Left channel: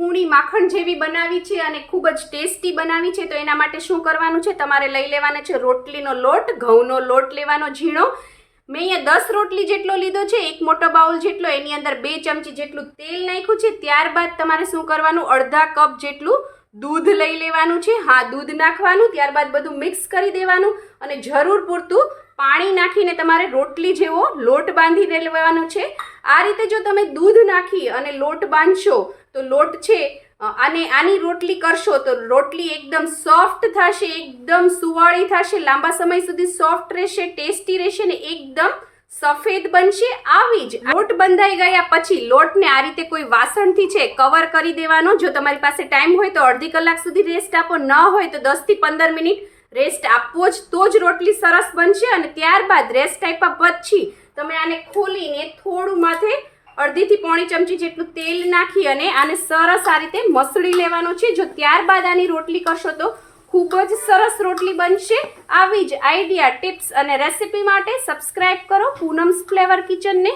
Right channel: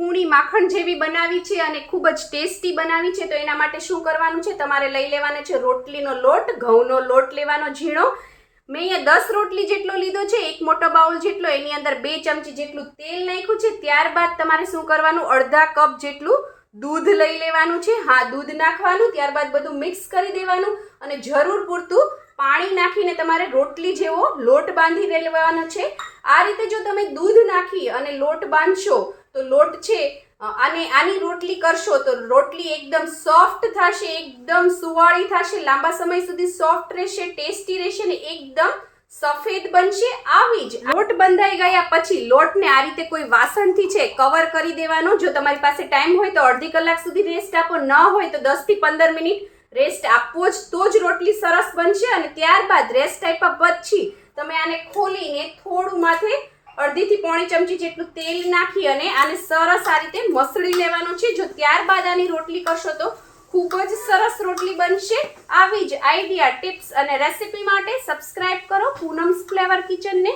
કૂણી માખણ જેવી બનાવી છે અને ખૂબ જ ટેસ્ટી બનાવી છે. તો એના માટે શું કરવાનું છે, તમારે લઈ લેવાનો છે રોટલીનો લોટ, ઘઉંનો લોટ લેવાનો ઝીણો. મેં અહીંયા 10 રોટલી જેટલો લીધો છે, એક મોટો બાઉલ જેટલો. એની અંદર 2 ચમચી જેટલું તેલ નાખ્યું છે. ત્યારબાદ તમારે શું કરવાનું, અડધા કપ જેટલું દૂધ લઈ લેવાનું છે. હા, દૂધ નાખવાનું. ત્યારબાદ બધું મિક્સ કરી દેવાનું અને જરૂર પૂરતું પાણી નાખીને તમારે રોટલી જેવો લોટ બાંધી લેવાનો છે. આ રીતે જો તમે દૂધ નાખી અને લોટ બાંધશો તો લોટ છે અને આની રોટલી કરશો તો રોટલી એકદમ સોફ્ટ થશે, એકદમ સુવાળી થશે, લાંબા સમય સુધી સોફ્ટ રહેશે, ટેસ્ટી રહેશે ને એકદમ સફેદ બનશે. આવી જ લોટ બંધાઈ ગયા પછી લોટને આ રીતે કોઈ વાસણથી છે કવર કરી દેવાનો. જો તમારી પાસે ટાઈમ હોય તો અડધી કલાક સુધી રેસ્ટ આપો, ન હોય તો 10 થી 15 મિનિટ રેસ્ટ આપવો જ, તો જ રોટલી સરસ બનશે. અને ત્યારબાદ રેસ્ટ આપ્યા પછી તમે આને ખોલીને થોડું માથે અડધી થી પોણી ચમચી જેટલું તેલ નાખી અને આને સરસ આ રીતે મસળી લેવાનો છે. જો ત્યારબાદ આની રોટલી કરશો તો ખૂબ જ સરસ રોટલી બનશે. આવી જ આઈડિયા, ટિપ્સ અને રેસિપી માટે સબસ્ક્રાઇબ કરો પૂનમ્સ ફ્લેવર કિચનને.